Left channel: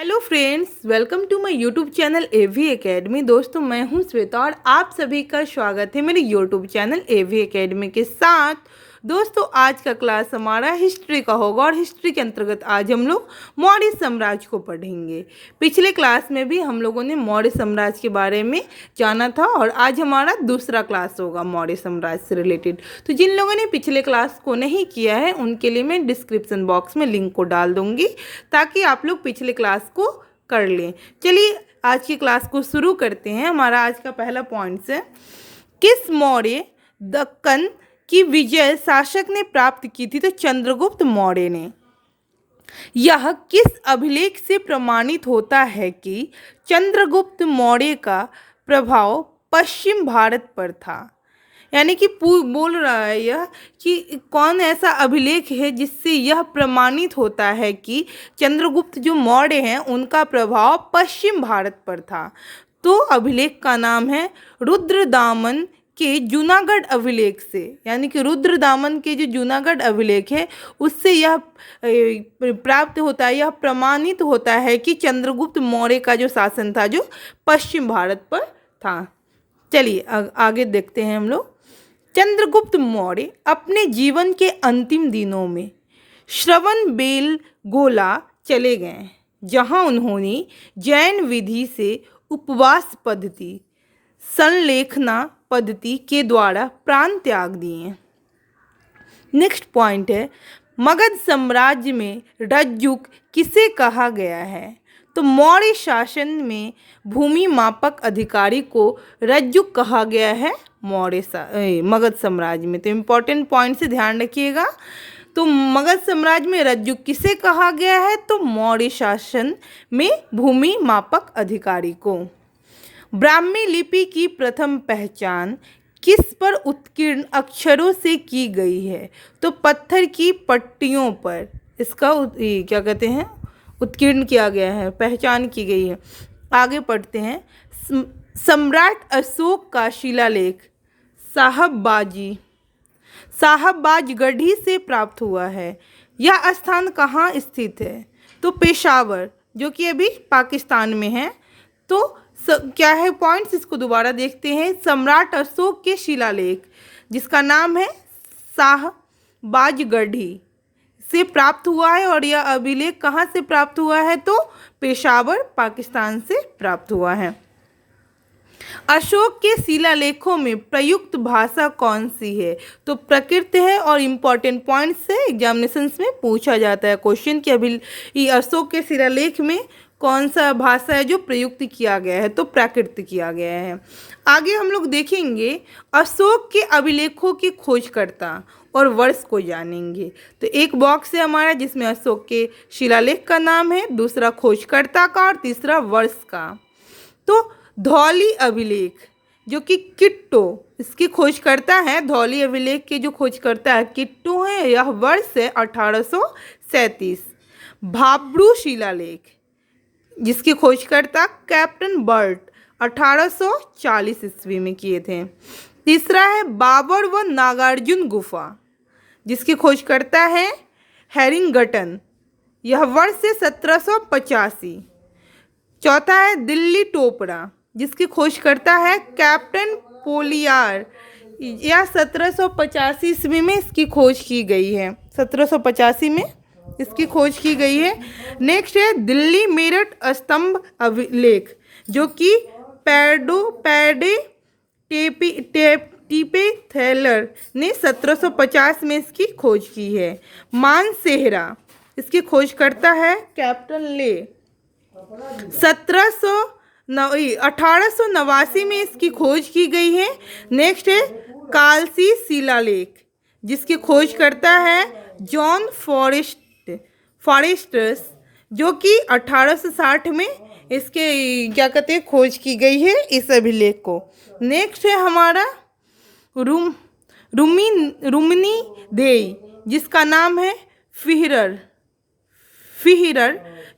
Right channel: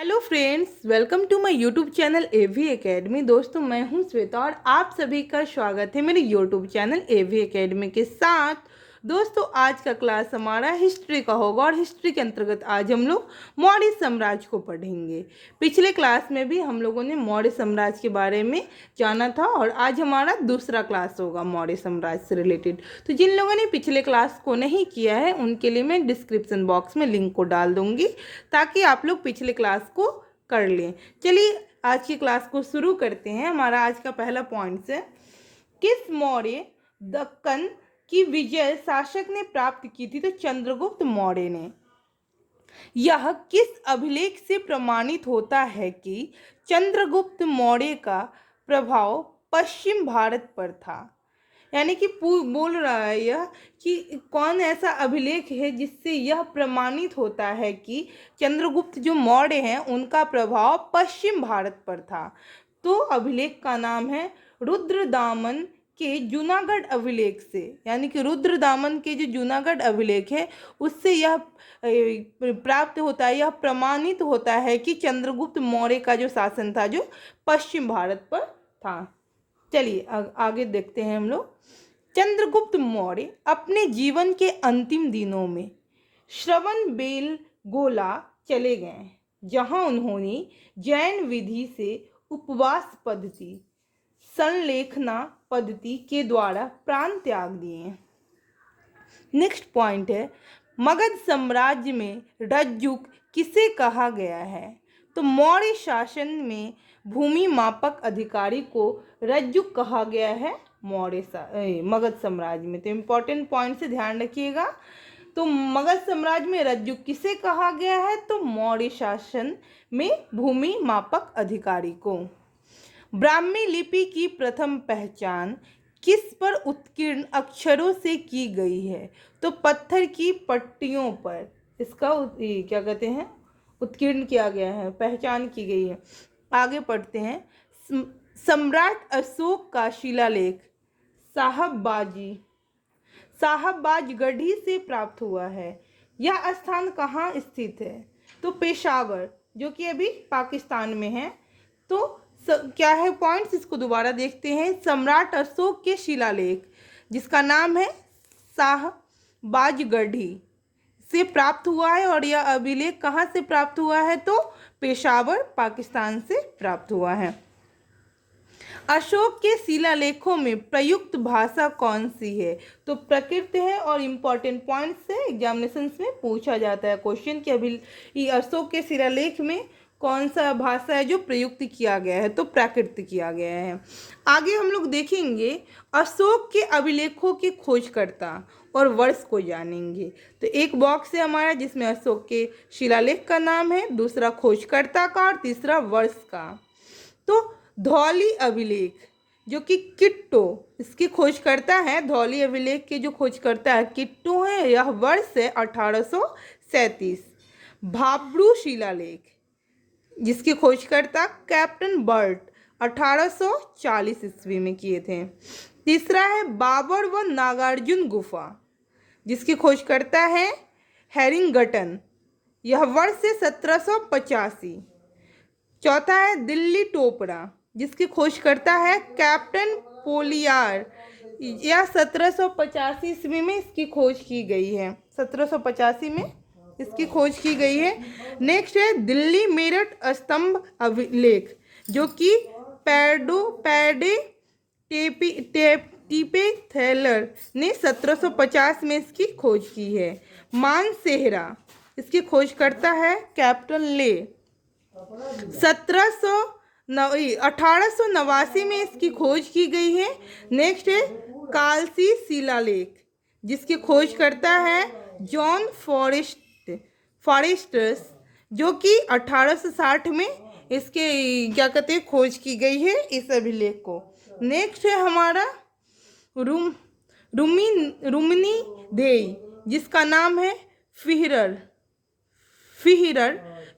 Hello friends, welcome to my YouTube channel AV academy. दोस्तों, मैं हूं श्वेता और आप सभी का स्वागत है मेरे यूट्यूब चैनल एवी एकेडमी के साथ। दोस्तों, आज का क्लास हमारा हिस्ट्री का होगा और हिस्ट्री के अंतर्गत आज हम लोग मौर्य साम्राज्य को पढ़ेंगे। पिछले क्लास में भी हम लोगों ने मौर्य साम्राज्य के बारे में जाना था और आज हमारा दूसरा क्लास होगा मौर्य साम्राज्य से रिलेटेड। तो जिन लोगों ने पिछले क्लास को नहीं किया है उनके लिए मैं डिस्क्रिप्शन बॉक्स में लिंक को डाल दूंगी ताकि आप लोग पिछले क्लास को कर लें। चलिए आज की क्लास को शुरू करते हैं। हमारा आज का पहला पॉइंट है, किस मौर्य दक्कन की विजय शासक ने प्राप्त की थी? तो चंद्रगुप्त मौर्य ने। यह किस अभिलेख से प्रमाणित होता है कि चंद्रगुप्त मौर्य का प्रभाव पश्चिम भारत पर था? यानी कि बोल रहा है यह कि कौन ऐसा अभिलेख है जिससे यह प्रमाणित होता है कि चंद्रगुप्त जो मौर्य हैं उनका प्रभाव पश्चिम भारत पर था। तो अभिलेख का नाम है रुद्रदामन के जूनागढ़ अभिलेख से। यानी कि रुद्रदामन के जो जूनागढ़ अभिलेख है उससे यह प्राप्त होता है, यह प्रमाणित होता है कि चंद्रगुप्त मौर्य का जो शासन था जो पश्चिम भारत पर था। चलिए आगे देखते हैं हम लोग। चंद्रगुप्त मौर्य अपने जीवन के अंतिम दिनों में श्रवणबेलगोला चले गए, जहां उन्होंने जैन विधि से उपवास पद्धति, संलेखना पद्धति के द्वारा प्राण त्याग दिए। नेक्स्ट पॉइंट है, मगध साम्राज्य में रज्जुक किसे कहा गया है? तो मौर्य शासन में भूमि मापक अधिकारी को रज्जुक कहा गया है मगध साम्राज्य में। तो इम्पोर्टेंट पॉइंट से ध्यान रखिएगा। तो मगध साम्राज्य में रज्जुक किसे कहा गया है? तो मौर्य शासन में भूमि मापक अधिकारी को। ब्राह्मी लिपि की प्रथम पहचान किस पर उत्कीर्ण अक्षरों से की गई है? तो पत्थर की पट्टियों पर इसका क्या कहते हैं, उत्कीर्ण किया गया है, पहचान की गई है। आगे पढ़ते हैं। सम्राट अशोक का शिलालेख साहबबाजगढ़ी से प्राप्त हुआ है। यह स्थान कहाँ स्थित है? तो पेशावर, जो कि अभी पाकिस्तान में है। तो क्या है पॉइंट्स, इसको दोबारा देखते हैं। सम्राट अशोक के शिलालेख जिसका नाम है साहबबाजगढ़ी से प्राप्त हुआ है और यह अभिलेख कहाँ से प्राप्त हुआ है? तो पेशावर, पाकिस्तान से प्राप्त हुआ है। अशोक के शिलालेखों में प्रयुक्त भाषा कौन सी है? तो प्रकृत है और इम्पोर्टेंट पॉइंट से एग्जामिनेशंस में पूछा जाता है क्वेश्चन कि अभी अशोक के शिलालेख में कौन सा भाषा है जो प्रयुक्त किया गया है? तो प्राकृत किया गया है। आगे हम लोग देखेंगे अशोक के अभिलेखों की खोजकर्ता और वर्ष को जानेंगे। तो एक बॉक्स है हमारा जिसमें अशोक के शिलालेख का नाम है, दूसरा खोजकर्ता का और तीसरा वर्ष का। तो धौली अभिलेख जो कि किट्टो इसकी खोजकर्ता है, धौली अभिलेख के जो खोजकर्ता है किट्टो है। यह वर्ष है 1837। भाब्रू शिलालेख जिसकी खोजकर्ता कैप्टन बर्ट 1840 ईस्वी में किए थे। तीसरा है बाबर व नागार्जुन गुफा जिसकी खोजकर्ता है हैरिंगटन, यह वर्ष है 1785। चौथा है दिल्ली टोपरा जिसकी खोजकर्ता है कैप्टन पोलियार, यह 1785 ईस्वी में इसकी खोज की गई है, 1785 में इसकी खोज की गई है। नेक्स्ट है दिल्ली मेरठ स्तंभ अभिलेख जो कि पैडे टीपे थैलर ने 1750 में इसकी खोज की है। मानसेहरा इसकी खोजकर्ता है कैप्टन ले, 1889 में इसकी खोज की गई है। नेक्स्ट है कालसी शिलालेख जिसकी खोजकर्ता है जॉन फॉरेस्टर्स जो कि 1860 में इसके क्या कहते हैं खोज की गई है इस अभिलेख को। नेक्स्ट है हमारा रुमिनी देई जिसका नाम है फिहिरर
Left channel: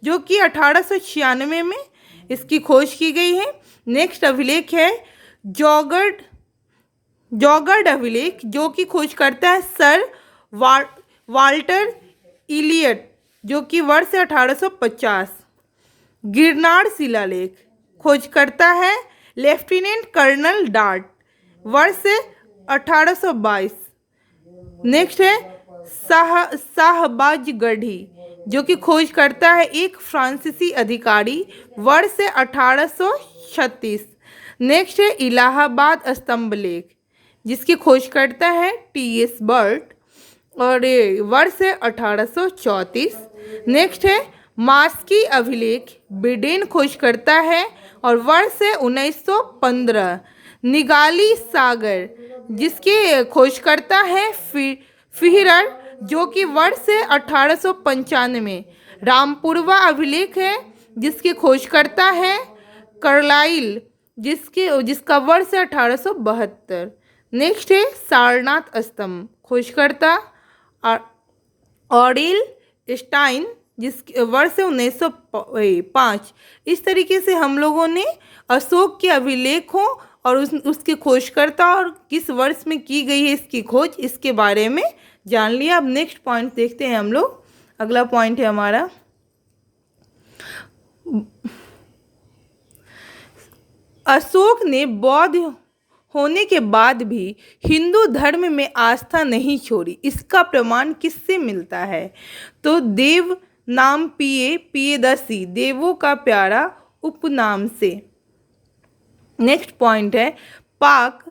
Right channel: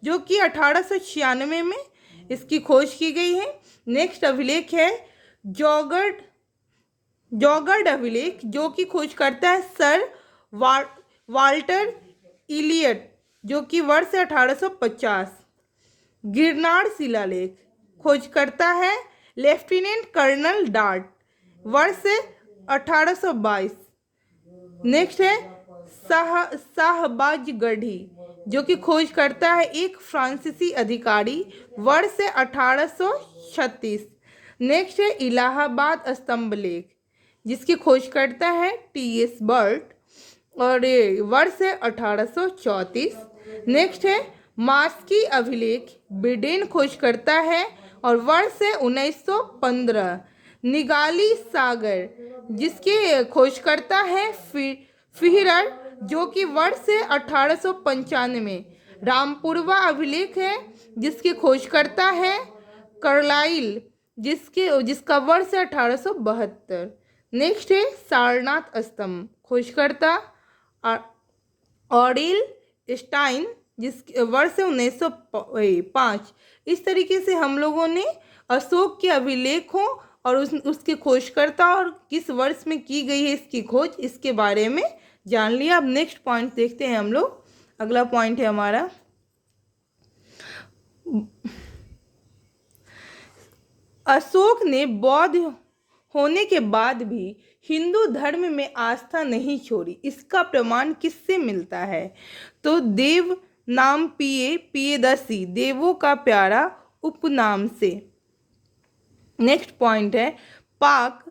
जो कि 1896 में इसकी खोज की गई है। नेक्स्ट अभिलेख है जौगढ़ अभिलेख जो कि खोज करता है सर वाल्टर इलियट जो कि वर्ष है 1850। गिरनार शिलालेख, खोज करता है लेफ्टिनेंट कर्नल डार्ट, वर्ष है 1822। नेक्स्ट है शाहबाज गढ़ी, जो कि खोज करता है एक फ्रांसीसी अधिकारी, वर्ष है 1836। नेक्स्ट है इलाहाबाद स्तंभ लेख, जिसकी खोज करता है टी.एस. बर्ट और वर्ष है 1834। नेक्स्ट है मास्की अभिलेख, ब्रिडेन खोज करता है और वर्ष है 1915। निगाली सागर, जिसकी खोज करता है फिहरर, जो कि वर्ष है 1895। रामपुरवा अभिलेख है, जिसकी खोज करता है कार्लाइल, जिसका वर्ष है 1872। नेक्स्ट है सारनाथ स्तंभ, खोजकर्ता ऑरिल स्टाइन, जिसके वर्ष है 1905। इस तरीके से हम लोगों ने अशोक के अभिलेखों और उसके खोजकर्ता और किस वर्ष में की गई है इसकी खोज, इसके बारे में जान लिया। अब नेक्स्ट पॉइंट देखते हैं हम लोग। अगला पॉइंट है हमारा अशोक ने बौद्ध होने के बाद भी हिंदू धर्म में आस्था नहीं छोड़ी। इसका प्रमाण किससे मिलता है? तो देव नाम पियदर्शी, देवों का प्यारा उपनाम से। नेक्स्ट पॉइंट है पाक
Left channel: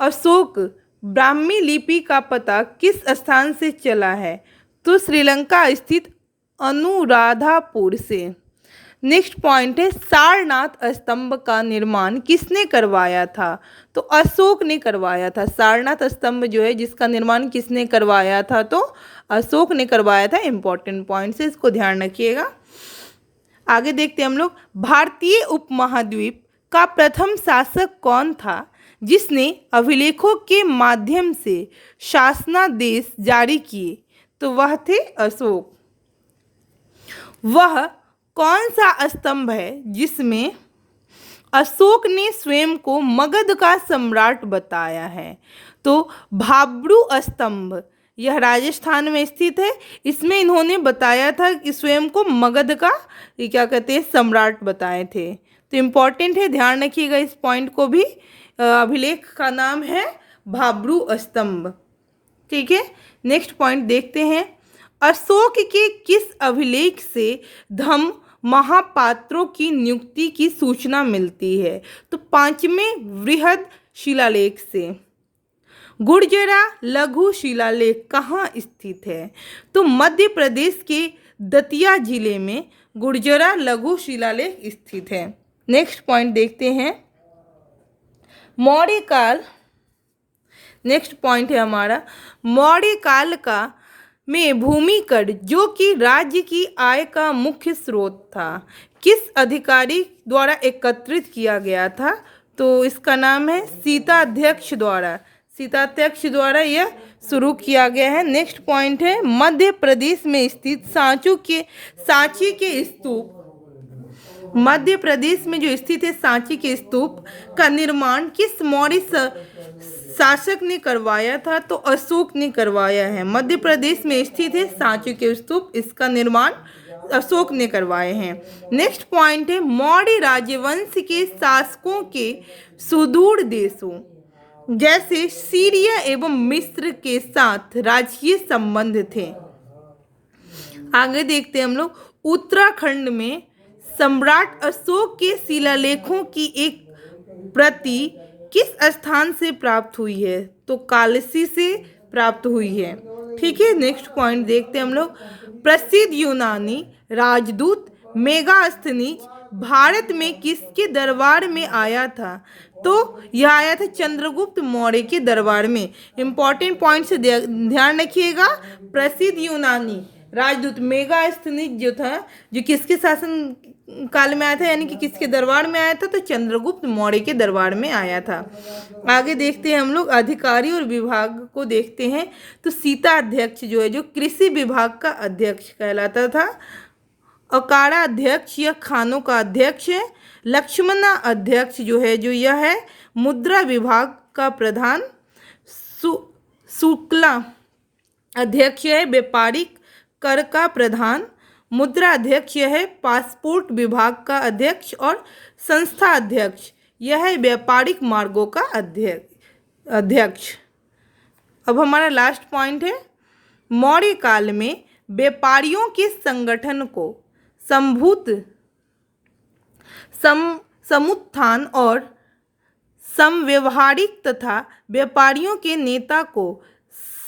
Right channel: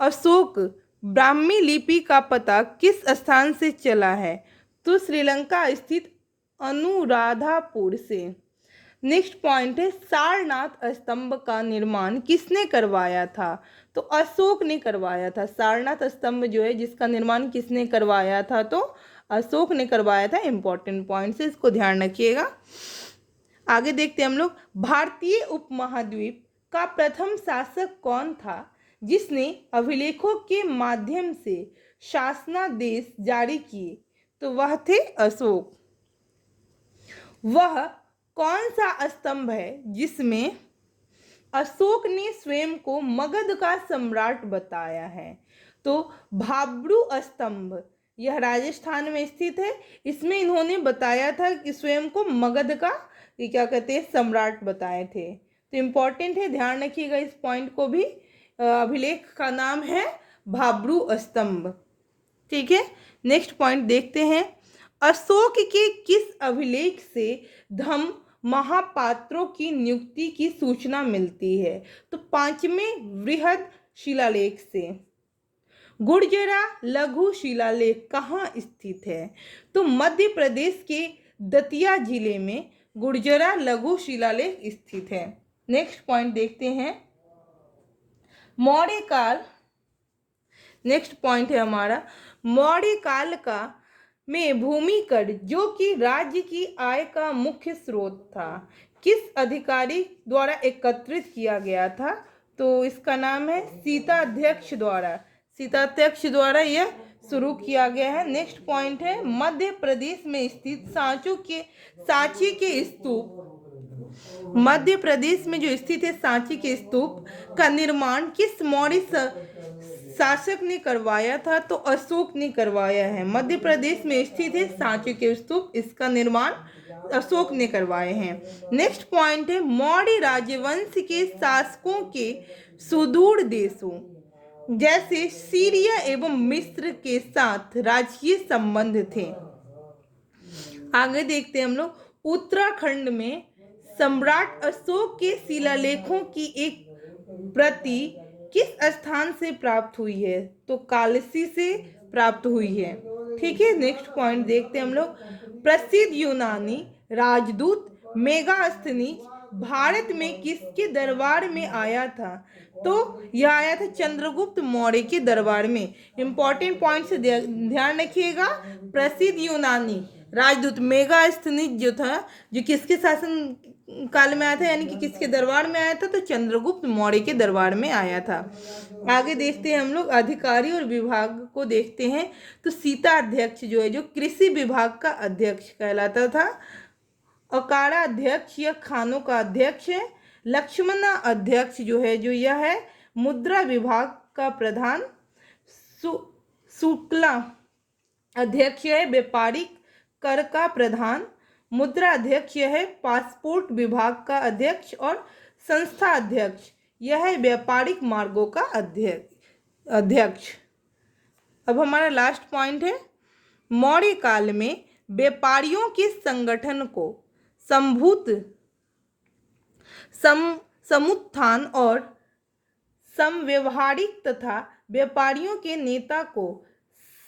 अशोक ब्राह्मी लिपि का पता किस स्थान से चला है? तो श्रीलंका स्थित अनुराधापुर से। नेक्स्ट पॉइंट है सारनाथ स्तंभ का निर्माण किसने करवाया था? तो अशोक ने करवाया था। सारनाथ स्तंभ जो है जिसका निर्माण किसने करवाया था? तो अशोक ने करवाया था। इंपॉर्टेंट पॉइंट है, इसको ध्यान रखिएगा। आगे देखते हैं हम लोग। भारतीय उपमहाद्वीप का प्रथम शासक कौन था जिसने अभिलेखों के माध्यम से शासनादेश जारी किए? तो वह थे अशोक। वह कौन सा स्तंभ है जिसमें अशोक ने स्वयं को मगध का सम्राट बताया है? तो भाब्रू स्तंभ, यह राजस्थान में स्थित है। इसमें इन्होंने बताया था कि स्वयं को मगध का ये क्या कहते हैं सम्राट बताए थे। तो इम्पॉर्टेंट है, ध्यान रखिएगा इस पॉइंट को भी। अभिलेख का नाम है भाब्रू स्तंभ। ठीक है, नेक्स्ट पॉइंट देखते हैं। अशोक के किस अभिलेख से धम्म महापात्रों की नियुक्ति की सूचना मिलती है? तो पांचवें वृहद शिलालेख से। गुर्जरा लघु शिलालेख कहाँ स्थित है? तो मध्य प्रदेश के दतिया जिले में गुर्जरा लघु शिलालेख स्थित है। नेक्स्ट पॉइंट देखते हैं मौर्य काल। नेक्स्ट पॉइंट है हमारा मौर्य काल का में भूमि कर, जो कि राज्य की आय का मुख्य स्रोत था, किस अधिकारी द्वारा एकत्रित किया गया था? तो इसका नाम है सीताध्यक्ष द्वारा। सीताध्यक्ष द्वारा यह शुरू किया गया है। नेक्स्ट पॉइंट है मध्य प्रदेश में स्थित सांची के स्तूप। मध्य प्रदेश में जो स्थित है सांची के स्तूप का निर्माण किस मौर्य शासक ने करवाया था? तो अशोक ने करवाया है। मध्य प्रदेश में स्थित है सांची के स्तूप, इसका निर्माण अशोक ने करवाए हैं। नेक्स्ट पॉइंट है मौर्य राजवंश के शासकों के सुदूर देशों जैसे सीरिया एवं मिस्र के साथ राजकीय संबंध थे। आगे देखते हैं हम लोग। उत्तराखंड में सम्राट अशोक के शिलालेखों की एक प्रति किस स्थान से प्राप्त हुई है? तो कालसी से प्राप्त हुई है। ठीक है, नेक्स्ट पॉइंट देखते हैं हम लोग। प्रसिद्ध यूनानी राजदूत मेगास्थनीज भारत में किसके दरबार में आया था? तो यह आया था चंद्रगुप्त मौर्य के दरबार में। इंपॉर्टेंट पॉइंट से ध्यान रखिएगा। प्रसिद्ध यूनानी राजदूत मेगास्थनीज जो था, जो किसके शासन काल में आया था, यानी कि किसके दरबार में आया था? तो चंद्रगुप्त मौर्य के दरबार में आया था। आगे देखते हैं हम लोग अधिकारी और विभाग को देखते हैं। तो सीता अध्यक्ष जो है, जो कृषि विभाग का अध्यक्ष कहलाता था। अकाड़ा अध्यक्ष या खानों का अध्यक्ष है। लक्ष्मणा अध्यक्ष जो है, जो यह है मुद्रा विभाग का प्रधान। शुक्ला अध्यक्ष है व्यापारिक कर का प्रधान। मुद्रा अध्यक्ष यह है पासपोर्ट विभाग का अध्यक्ष, और संस्था अध्यक्ष यह है व्यापारिक मार्गों का अध्यक्ष। अब हमारा लास्ट पॉइंट है, मौर्य काल में व्यापारियों के संगठन को समुत्थान और समव्यवहारिक तथा व्यापारियों के नेता को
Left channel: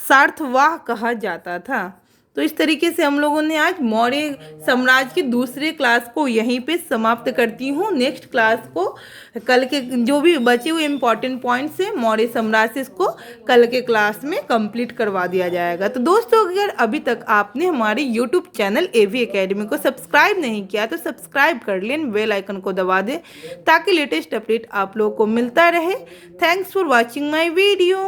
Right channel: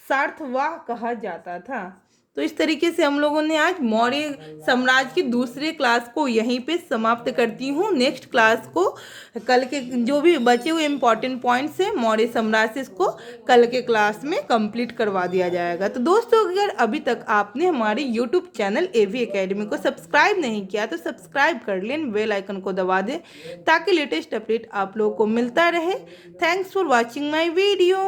सार्थवाह कहा जाता था। तो इस तरीके से हम लोगों ने आज मौर्य साम्राज्य की दूसरे क्लास को यहीं पे समाप्त करती हूँ। नेक्स्ट क्लास को कल के जो भी बचे हुए इम्पॉर्टेंट पॉइंट्स हैं मौर्य साम्राज्य से, इसको कल के क्लास में कंप्लीट करवा दिया जाएगा। तो दोस्तों, अगर अभी तक आपने हमारे यूट्यूब चैनल एवी एकेडमी को सब्सक्राइब नहीं किया तो सब्सक्राइब कर लें, बेल आइकन को दबा दें ताकि लेटेस्ट अपडेट आप लोगों को मिलता रहे। Thanks for watching my video.